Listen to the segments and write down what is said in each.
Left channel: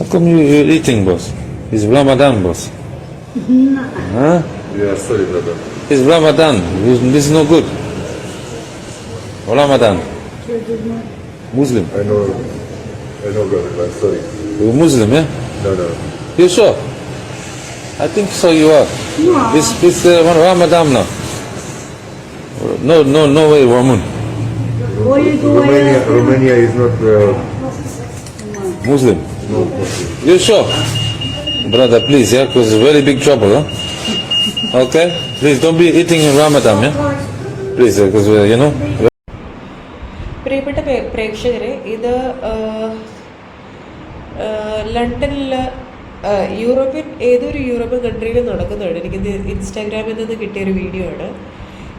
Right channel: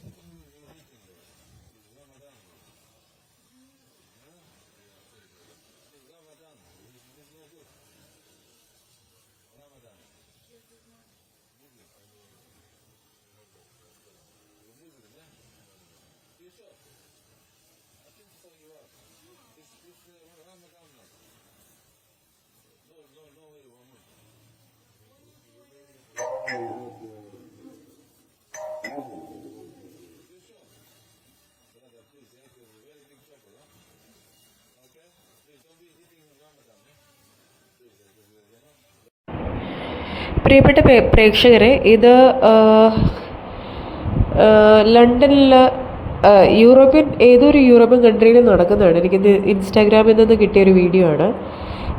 How come you're eating, boss? It's Ramadan, boss. Huh? Yeah, sorry, brother. It's Ramadan. This is no good. Ramadan. Muslim. I know, brother. I'm sorry. You're Muslim, yeah? No. You sure? I think so. You are. No. It's Ramadan now. No way, Ramun. Romania is not Muslim. no Muslim. You sure? Brother, please, yeah, because it's very big trouble, huh? Okay? Please don't be eating in Ramadan, yeah? Please, because, പ്രിയപ്പെട്ട പ്രേക്ഷകരെ, ഇത് ലണ്ടനിൽ ഏതൊരു European കൺട്രിയിൽ നടക്കുന്നതാണ്. എനിക്കിത് ഇൻസ്റ്റാഗ്രാമിൽ നിന്ന് കിട്ടിയൊരു വീഡിയോ ആണ്.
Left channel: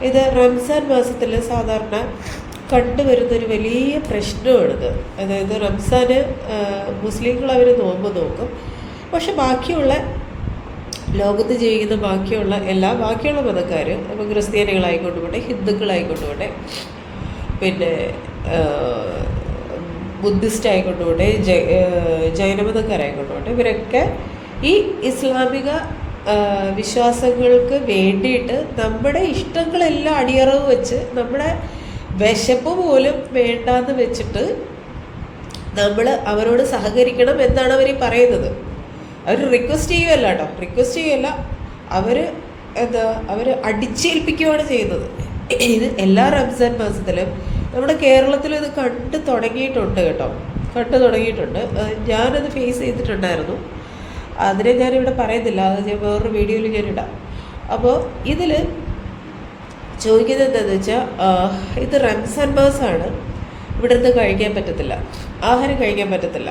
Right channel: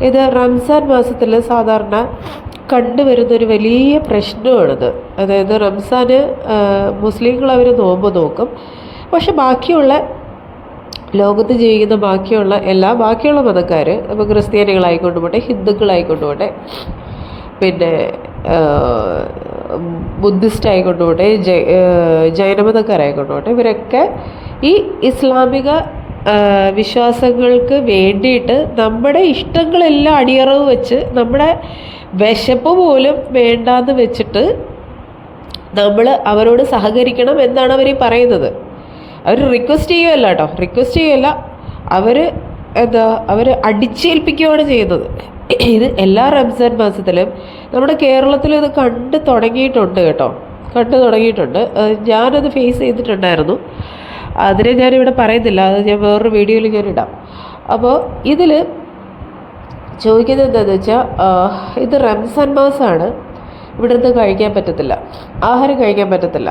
ഇത് റംസാൻ മാസത്തിൽ സാധാരണ കണ്ടുവരുന്നൊരു വലിയ പ്രശ്നമാണിത്. അതായത് റംസാന് മുസ്ലിങ്ങൾ അവർ നോമ്പ് നോക്കും, പക്ഷെ ബാക്കിയുള്ള ലോകത്ത് ജീവിക്കുന്ന ബാക്കിയുള്ള മതക്കാർ, ഇപ്പോൾ ക്രിസ്ത്യാനികളായിക്കൊണ്ട് പോട്ടെ, ഹിന്ദുക്കളായിക്കൊണ്ട് പോട്ടെ, പിന്നെ ബുദ്ധിസ്റ്റ് ആയിക്കൊണ്ട് പോട്ടെ, ജൈനമതക്കാരായിക്കൊണ്ട് പോട്ടെ, ഇവരൊക്കെ ഈ ഇസ്ലാമിക വിശ്വാസങ്ങൾക്ക് വേണ്ടിയിട്ട് നമ്മുടെ ഇഷ്ടങ്ങളെല്ലാം അടിയറവ് വെച്ച്, നമ്മുടെ വിശപ്പ് പോലും വേണ്ടാന്ന് വെച്ചിട്ട് നമ്മൾ അവരോട് സഹകരിക്കണം എന്നാണ് അവർ പറയുന്നത്. അവർ റിക്വസ്റ്റ് ചെയ്യുകയല്ല കേട്ടോ, അവർ അടിച്ചേൽപ്പിക്കുകയാണ് ചെയ്യുന്നത്. ഇത് എല്ലാ റംസാൻ മാസത്തിലും നമ്മുടെ കേരളത്തിലും ഇത് കണ്ടു തുടങ്ങിയിട്ടുണ്ട്. ഞാനത് ഫേസ് ചെയ്തിട്ടുണ്ടായിരുന്നു. അതിനെ ഞാനിവിടെ പറയുന്നില്ല, അത് ഞാൻ വേറൊരു വീഡിയോയിൽ ഞാനിടാം. അപ്പോൾ ഇതിൽ ചോദിക്കുന്നത് എന്താണെന്ന് വെച്ചാൽ, ഇത് റംസാൻ മാസമാണ്, ഇവിടെ നിന്ന് കഴിക്കാൻ പറ്റത്തില്ല, ആഹാരം കഴിക്കാൻ പറ്റത്തില്ല.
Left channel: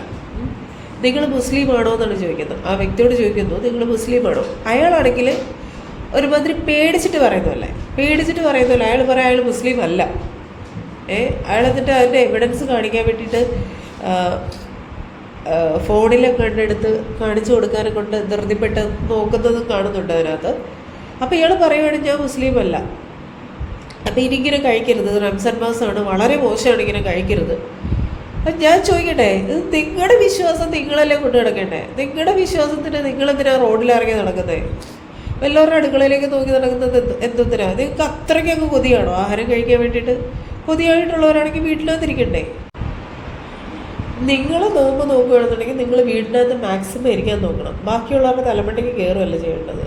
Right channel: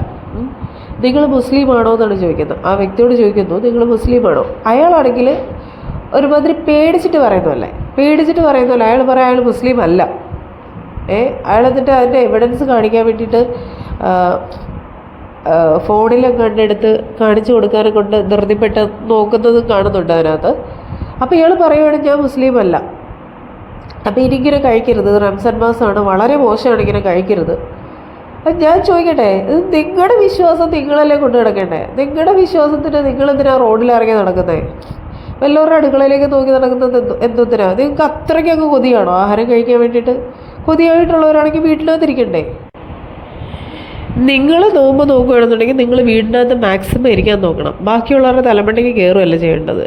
നിങ്ങൾ മുസ്ലിമാണോ എന്നാണ് ചോദിക്കുന്നത്. ആ വ്യക്തിയോട് ചോദിക്കുന്നു, നിങ്ങൾ മുസ്ലിമാണോ? അയാളാണെങ്കിൽ ഒരുമാതിരി പേടിച്ചിട്ട് പറയുന്നതല്ലേ, അയാൾ പറയാം അയാൾ മുസ്ലിം അല്ല. അയാൾ എന്നിട്ട് അതിൻ്റെ എവിഡൻസ് കാണിക്കാൻ വേണ്ടിയിട്ട് ഫോണിലും കണ്ടെടുത്ത് കാണിച്ചു കൊടുക്കാനും കൊണ്ട് ധൃതിപ്പെട്ട് നോക്കുന്നത് കാണുന്നുണ്ട് അതിനകത്ത്. അപ്പോൾ ഇയാൾ പറയുകയാണ് ഞാൻ മുസ്ലിം അല്ല, അപ്പോൾ ഇനിയിങ്ങനെ കഴിക്കരുത്, റംസാൻ മാസമാണ്, വളരെ മോശമാണ്, ഇങ്ങനെ കഴിക്കരുത്. ഞാൻ ചോദിക്കട്ടെ, ഇത് നിങ്ങളുടെ വിശ്വാസം നിങ്ങളല്ലേ കൊണ്ട് നടക്കണ്ടേ? നിങ്ങളുടെ വിശ്വാസത്തിന് നിങ്ങളെന്തിനാ റോഡിലിറങ്ങി നടക്കുന്നത്? വല്ലവരുടെ അടുക്കളയിലേക്ക് നോക്കി നടക്കുന്നത് എന്തൊന്നിനാ? നിങ്ങൾക്ക് അത്രയ്ക്ക് അങ്ങ് കൊതിയാണോ ആഹാരം കഴിക്കാൻ വേണ്ടിയിട്ട്? കൊതിയായിട്ടുള്ളവരാണെങ്കിൽ വീട്ടിനകത്തിരിക്കണ്ടേ? നിങ്ങൾ നോമ്പ് നോക്കുകയാണെന്നുണ്ടെങ്കിൽ നിങ്ങൾ വീടിനകത്ത് മാക്സിമം ഇരിക്കാൻ നോക്കണം. ബാക്കിയുള്ളവരുടെ തലമണ്ടയ്ക്ക് കയറുകയല്ല ചെയ്യേണ്ടത്.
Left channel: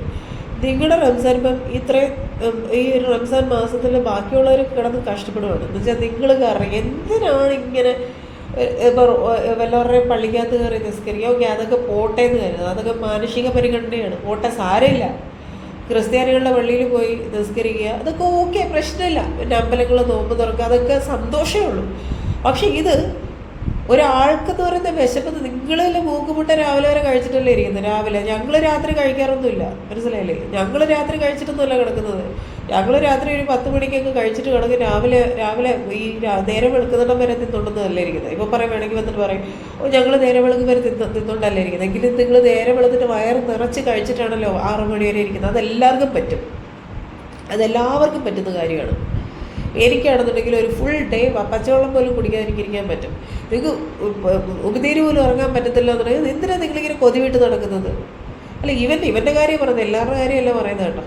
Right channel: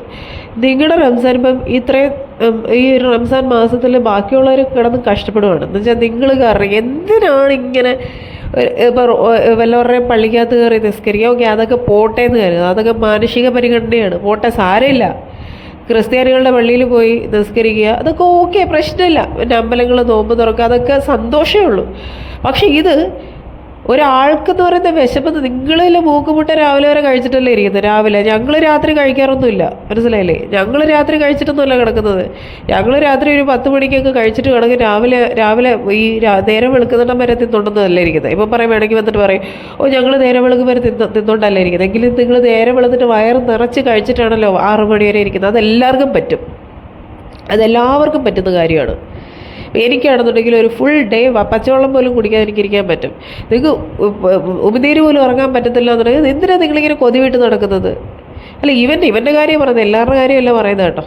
നിങ്ങളുടെ റംസാൻ ഈ റംസാൻ മാസത്തിൽ ബാക്കിയുള്ളവർ കിടന്ന് കഷ്ടപ്പെടുകയാണ് എന്ന് വെച്ചാൽ നിങ്ങൾ കാരണം. എന്തിനാണ് ഇങ്ങനെ ഇപ്പോൾ വല്ലവരുടെയും പള്ളിക്കകത്ത് കയറി നിസ്കരിക്കുക? ഓക്കെ, അതൊക്കെ പോട്ടെ എന്ന് കരുതുക, അതൊക്കെ മാനുഷിക പരിഗണനയാണ്, പോട്ടെ, സാരമില്ല. ക്രിസ്ത്യാനികളുടെ പള്ളിയിൽ പോയി നിസ്കരിക്കുക, അതൊക്കെ ഓക്കെ, പ്രശ്നമില്ല. പിന്നെ അമ്പലങ്ങൾ നോമ്പ് തുറക്കുക, അതൊക്കെ സന്തോഷമേ ഉള്ളൂ. പക്ഷേ ഇത് ഒരാൾക്കെന്ന് പറയുന്ന വിശപ്പെന്ന്, നിങ്ങളിൽ മൂക്കുമുട്ട രാവിലെ വരെ കഴിച്ചിട്ടല്ലേ ഇരിക്കുന്നത്? രാവിലെ ഞങ്ങൾ രാത്രി കഴിക്കാറൊന്നുമില്ല, മനസ്സിലായില്ലേ? ഞങ്ങൾ രാത്രി കഴിച്ചിട്ടൊന്നുമല്ല കിടക്കുന്നത്. ഞങ്ങൾ രാത്രി ഒരു 10 മണിക്കൊക്കെ കഴിച്ചിട്ട് കിടക്കും. രാവിലെ ഈ നേരം വെളുക്കുന്നിടം വരെ തിന്നോണ്ടെന്നല്ല ഇരിക്കുന്നത്. ഇപ്പം വേണമെങ്കിൽ വന്നിട്ട് പറയും, ഞങ്ങൾ നേരം വെളുക്കും വരെ തിന്നോണ്ടല്ല ഇരിക്കുന്നത്. എങ്കിലും നിങ്ങൾ നേരം വെളുത്തിട്ട് വയറ് നിറച്ച് കഴിച്ചിട്ടാണല്ലോ 6 മണി വരെ ഇരിക്കുന്നത്. അതെല്ലാവർക്കും പറ്റുന്ന കാര്യമാണ്. എനിക്കാണെന്നുണ്ടെങ്കിൽ ഒരു ഫുൾ ഡേ പച്ചവെള്ളം പോലും കുടിക്കാൻ എനിക്കിരിക്കാൻ പറ്റും. നിങ്ങൾക്ക് ഉപനീര് പോലും ഉറങ്ങാൻ പറ്റത്തില്ല എന്നുണ്ടെങ്കിൽ എന്തിനാണ് നിങ്ങളിങ്ങനെ കൊതിവിട്ട് നടക്കുന്നത്? അല്ല, ഇവൻ്റെ കാര്യം പറയുന്നത്, എല്ലാവരുടെ കാര്യമല്ല പറയുന്നത് കേട്ടോ.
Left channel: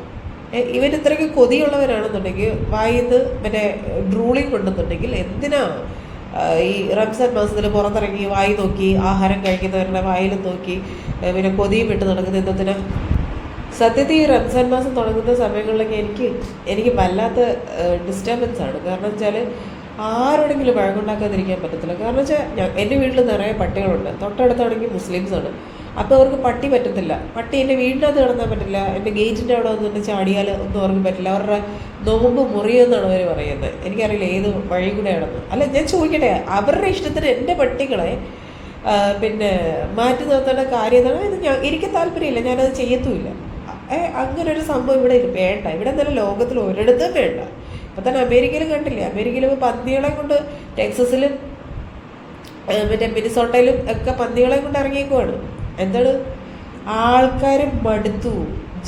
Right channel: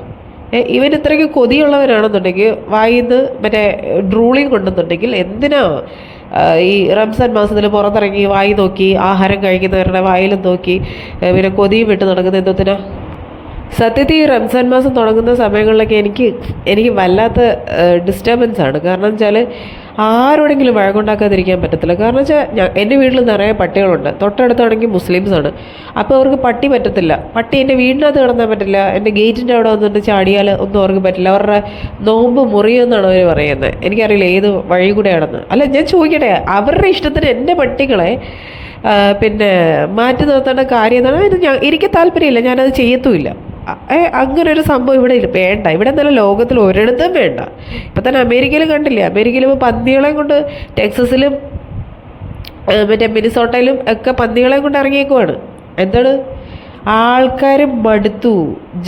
ഇവൻ ഇത്രയ്ക്ക് കൊതിയുള്ളവരാണെന്നുണ്ടെങ്കിൽ, വായിന്ന് മറ്റേ ഡ്രൂളിങ് കൊണ്ടെന്നുണ്ടെങ്കിൽ എന്തിനാ ഈ റംസാൻ മാസത്തിൽ പുറത്തിറങ്ങി വായി നോക്കി ആഹാരം കഴിക്കുന്നവരുടെ വായിലും നോക്കി പിന്നെ കൊതിയും വിട്ട് നടക്കുന്നത് എന്തിനാ? സത്യത്തിൽ ഈ റംസാൻ മാസം തുടങ്ങുന്ന സമയങ്ങളിലൊക്കെ എനിക്ക് വല്ലാത്ത ഡിസ്റ്റർബൻസ് ആണ്. കാരണം വെച്ചാൽ ആരോടെങ്കിലും വഴക്കുണ്ടാക്കാതിരിക്കാൻ പറ്റത്തില്ല. കാരണം വെച്ചാൽ എൻ്റെ വീട്ടിൽ നിറയെ പട്ടികളുണ്ട്, തൊട്ടടുത്താണെങ്കിൽ മുസ്ലിംസാണ്. അപ്പോൾ അവർക്ക് പട്ടി പറ്റത്തില്ല. പട്ടി എൻ്റെ വീടിനകത്ത് കിടന്നാൽ പറ്റില്ല, എൻ്റെ ഗേറ്റിൻ്റെ അവിടെ വന്നിട്ട് ചാടിയാൽ ഒന്നും അവർക്ക് പറ്റില്ല. അവരുടെ നോമ്പ് മുറിയെന്നാണ് അവർ പറയുന്നത്. എനിക്കറിയില്ല ഏത് വഴി കൂടെയാണെന്ന്. അല്ല, ഞാൻ ചോദിക്കട്ടെ, അവരുടെ ഇഷ്ടത്തിന് എൻ്റെ പട്ടികളെ പിന്നെ മാറ്റി നിർത്തേണ്ട കാര്യം എന്താണ്? ഇത് എനിക്ക് താല്പര്യമില്ല, ഞാനത് ചെയ്യത്തുമില്ല. അങ്ങനൊരു സംഭവം ഇവിടെ വേണ്ട. ഇവിടെ നല്ല ലോകത്തിൽ ഒരിടത്തും വേണ്ട. ഇപ്പം തന്നെ അമേരിക്കയിൽ കണ്ടില്ലേ, അമേരിക്കയിൽ ഇപ്പോൾ പന്നികളെ കൊണ്ട് ടെക്സസിലും മറ്റേ മിനിസോട്ടയിലും ഒക്കെ പന്നികളെ കൊണ്ട് ഇറങ്ങിയേക്കുവാണ്. എന്താണ്? ആൾക്കാർ മടുത്തു,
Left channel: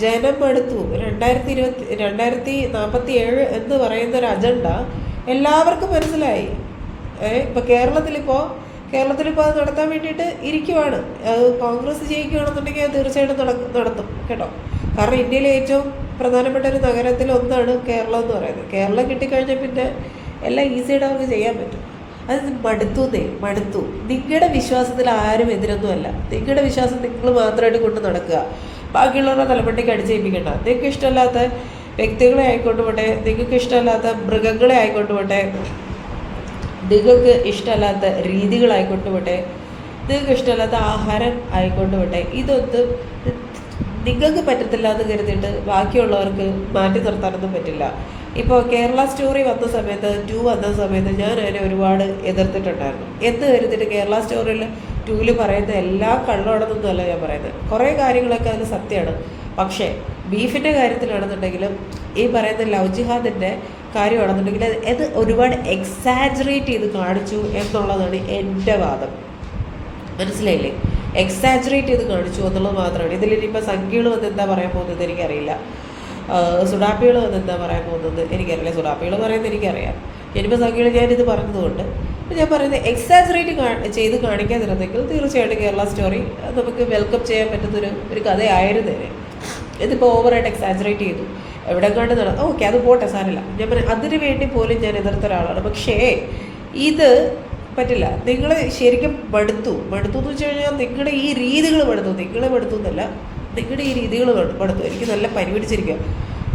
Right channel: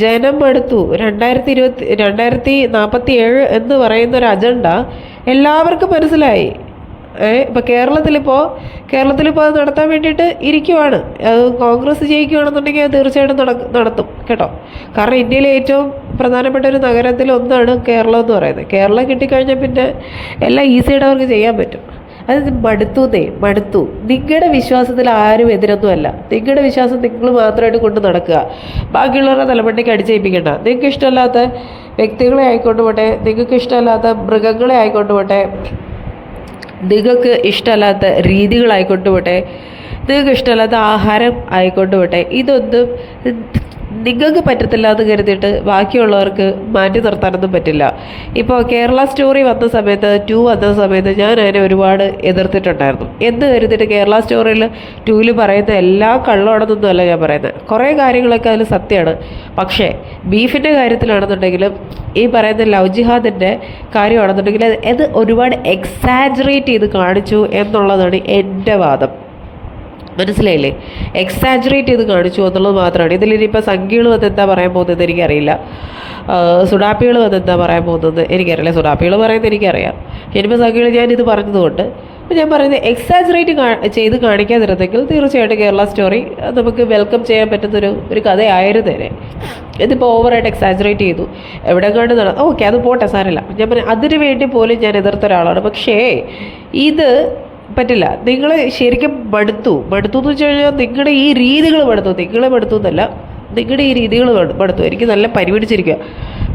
ജനം മടുത്തു. 2047 എന്ന് പറയുന്നൊരു അജണ്ട എല്ലാവർക്കും മനസ്സിലായി. ഇപ്പോൾ കേരളത്തിലിപ്പോൾ കേരളത്തിൽ ഇപ്പോൾ അത് നടത്താൻ വേണ്ടിയിട്ട് ഇരിക്കുവാണ്. അത് കോൺഗ്രസ് ജയിക്കുകയാണെന്നുണ്ടെങ്കിൽ അത് തീർച്ചയായിട്ടും നടത്തും കേട്ടോ. കാരണം ഇന്ത്യയിലെ ഏറ്റവും പ്രധാനപ്പെട്ട ഒരു നഗരത്തിൽ ഒന്നാണ് കേരളം എന്ന് പറയുന്നത്. കേരളം കിട്ടിക്കഴിഞ്ഞാൽ പിന്നെ എല്ലാം ഈസിയായിട്ട് അവർക്ക് ചെയ്യാൻ പറ്റും. അത് മടുത്തു. നിങ്ങളുടെ വിശ്വാസത്തിൽ ആരും എതിരൊന്നുമല്ല. നിങ്ങളുടെ വിശ്വാസം നിങ്ങൾ മാത്രമായിട്ട് കൊണ്ട് നടക്കുക. ബാക്കിയുള്ളവരുടെ തലമണ്ടയ്ക്ക് അടിച്ചേൽപ്പിക്കണ്ട. നിങ്ങൾക്ക് ഇഷ്ടമല്ലാത്ത വ്യക്തികളെ ആയിക്കൊണ്ട് പോട്ടെ, നിങ്ങൾക്ക് ഇഷ്ടമല്ലാത്ത മൃഗങ്ങളെ ആയിക്കൊണ്ട് പോട്ടെ, നിങ്ങൾക്ക് ഇഷ്ടമല്ലാത്ത രീതികളായിക്കൊണ്ട് പോട്ടെ, നിങ്ങൾക്ക് ഇഷ്ടമല്ലാത്ത ആഹാരം ആയിക്കൊണ്ട് പോട്ടെ, ഇതൊന്നും നിങ്ങൾക്ക് പറ്റത്തില്ല എന്ന് കരുതിയിട്ട് ബാക്കിയുള്ളവർക്ക് മാറ്റി നിർത്താനൊന്നും പറ്റില്ല. ഇപ്പോൾ കേരള സ്റ്റോറി വന്ന സമയത്ത് 2 വന്ന സമയത്ത് ഞാൻ അതിനെ ഒരുപാട് എതിർത്തിട്ടുണ്ടായിരുന്നു. എന്ന് കരുതിയിട്ട് കേരള സ്റ്റോറിയിൽ 2 പറയുന്ന എല്ലാ കള്ളമാണെന്നൊന്നുമല്ല ഞാൻ പറയുന്നത്. കുറേ കാര്യങ്ങളൊക്കെ അതിൽ സത്യമാണ്. പക്ഷേ ബീഫിൻ്റെ കാര്യത്തിലാണെന്നുണ്ടെങ്കിലും ഈ പറയുന്ന ലവ് ജിഹാദിൻ്റെ കാര്യമാണെന്നുണ്ടെങ്കിൽ അത് ഒരുപാട് എക്സാജറേറ്റ് ചെയ്ത് കാണിച്ചു എന്നുള്ളതാണ് എൻ്റെ വാദം. മനസ്സിലായില്ലേ? എക്സാജറേറ്റ് ചെയ്ത് കാണിച്ചു എന്നുള്ളത് മാത്രമാണ്. ഇതിലിനിപ്പോൾ സംഖ്യകൾ വന്ന് എന്താ പറയാൻ പോകുന്നത് എനിക്കറിയില്ല. സുഡാപ്പികൾ വന്ന് എന്താ പറയാൻ പോകുന്നത് എനിക്കറിയില്ല. സുഡാപ്പികൾ പറയുന്നത് എനിക്കറിയാം. ഇനിയിപ്പോൾ സംഖ്യകൾ ഞാനിത് പറഞ്ഞതുകൊണ്ട് ഞാൻ പറയുന്നത് എക്സാജറേറ്റ് ചെയ്ത് കാണിക്കാതിരുന്നെങ്കിൽ തീർച്ചയായിട്ടും കേരള സ്റ്റോറി നമുക്ക് വെൽക്കം ചെയ്യാൻ പറ്റുന്നൊരു കഥയായിരുന്നേനെ. ഇതിപ്പോൾ ഓവറായിട്ട് എക്സാജറേറ്റ് ചെയ്തു, എവിടെ കണ്ട് ഓക്കെ അത് പോട്ടെ, സാരമില്ല. ഞാൻ പറഞ്ഞു അതിന് വേണ്ടി പോലും ഞാൻ എതിർത്ത ഒരാളാണ്. പക്ഷേ ഇത് പറ്റില്ല. നിങ്ങൾ ശരിക്കും മടുത്തു എന്ന് വെച്ച് കഴിഞ്ഞാൽ നിങ്ങളുടെ ഈ രീതികൾ മടുത്തു. നിങ്ങളെ മടുത്തു എന്നല്ല, നിങ്ങളുടെ ഈ രീതികൾ മടുത്തു. എനിക്ക് നല്ല പരിപിടിച്ചിരിക്കുക.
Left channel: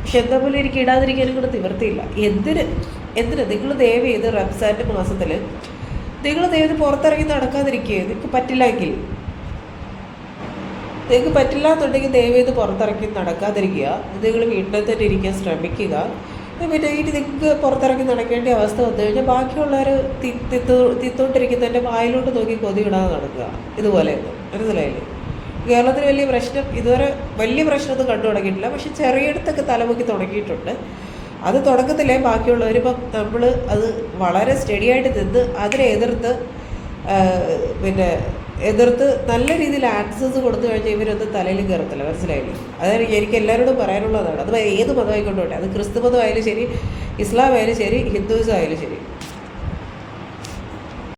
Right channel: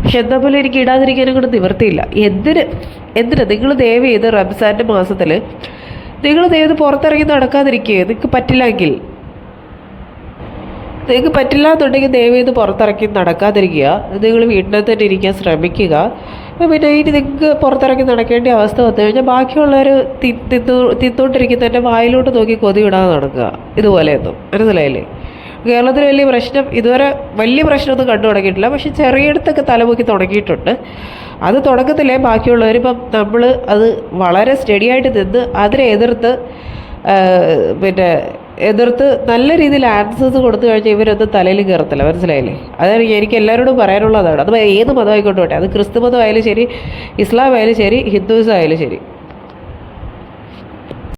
പക്ഷെ എന്താ പോലെ എനിക്ക് ഇടാതിരിക്കാനും കൂടെ നിവൃത്തിയില്ല. എന്തിന് നിങ്ങൾ ദയവ് ചെയ്ത് റംസാൻ്റെ മാസത്തിൽ നിങ്ങൾ ദയവ് ചെയ്ത് പുറത്തിറങ്ങി നടക്കാതിരിക്കുക. നിങ്ങൾക്ക് പറ്റില്ലെങ്കിൽ, നിങ്ങൾക്ക് പറ്റില്ല എന്നുണ്ടെങ്കിൽ ദയവ് ചെയ്ത് പുറത്തിറങ്ങി നടക്കാതിരിക്കുക. നിങ്ങൾ വീട്ടിൽ തന്നെ ഇരിക്കാൻ ശ്രമിക്കുക. പിന്നെ ഇനി നിങ്ങൾക്ക് പുറത്തിറങ്ങി നടക്കേണ്ട അവസ്ഥ വന്നു കഴിഞ്ഞാൽ ബാക്കിയുള്ളവർ തിന്നോണ്ടിരിക്കുന്നതിൻ്റെ വായിലോട്ട് നോക്കി കൊതി വിടാതെ നടക്കുക. ഇതുപോലെയൊന്നും മനസ്സിലായില്ലേ? കേരളത്തിൽ ഇതുവരെ വലിയ പ്രശ്നമൊന്നും കണ്ടു തുടങ്ങിയിട്ടില്ല. പക്ഷെ ചെറിയയിടത്തൊക്കെ തലമുക്കി തുടങ്ങിയിട്ടുണ്ട്. അത് തുടക്കത്തിലേ ബാക്കിയുള്ളവർ ഇപ്പം നമ്മൾ അത് വളരെ സ്റ്റഡിയായിട്ട് നിന്ന് അതിനെ എതിർത്ത് നല്ല രീതിയിൽ ആൻസേഴ്സ് കൊടുത്തു കഴിഞ്ഞാൽ ഇവരൊന്നും തലയിൽ കയറത്തില്ല. മനസ്സിലായില്ലേ? അതാണ് എനിക്ക് എല്ലാവരോടും പറയാനുള്ളതാണ്. അത് ഏത് മതമായിക്കോട്ടെ, അത് ക്രിസ്തു മതമായാലും ശരി, ഇസ്ലാം ആയാലും ശരി, ഹിന്ദുയിസം ആയാലും ശരി.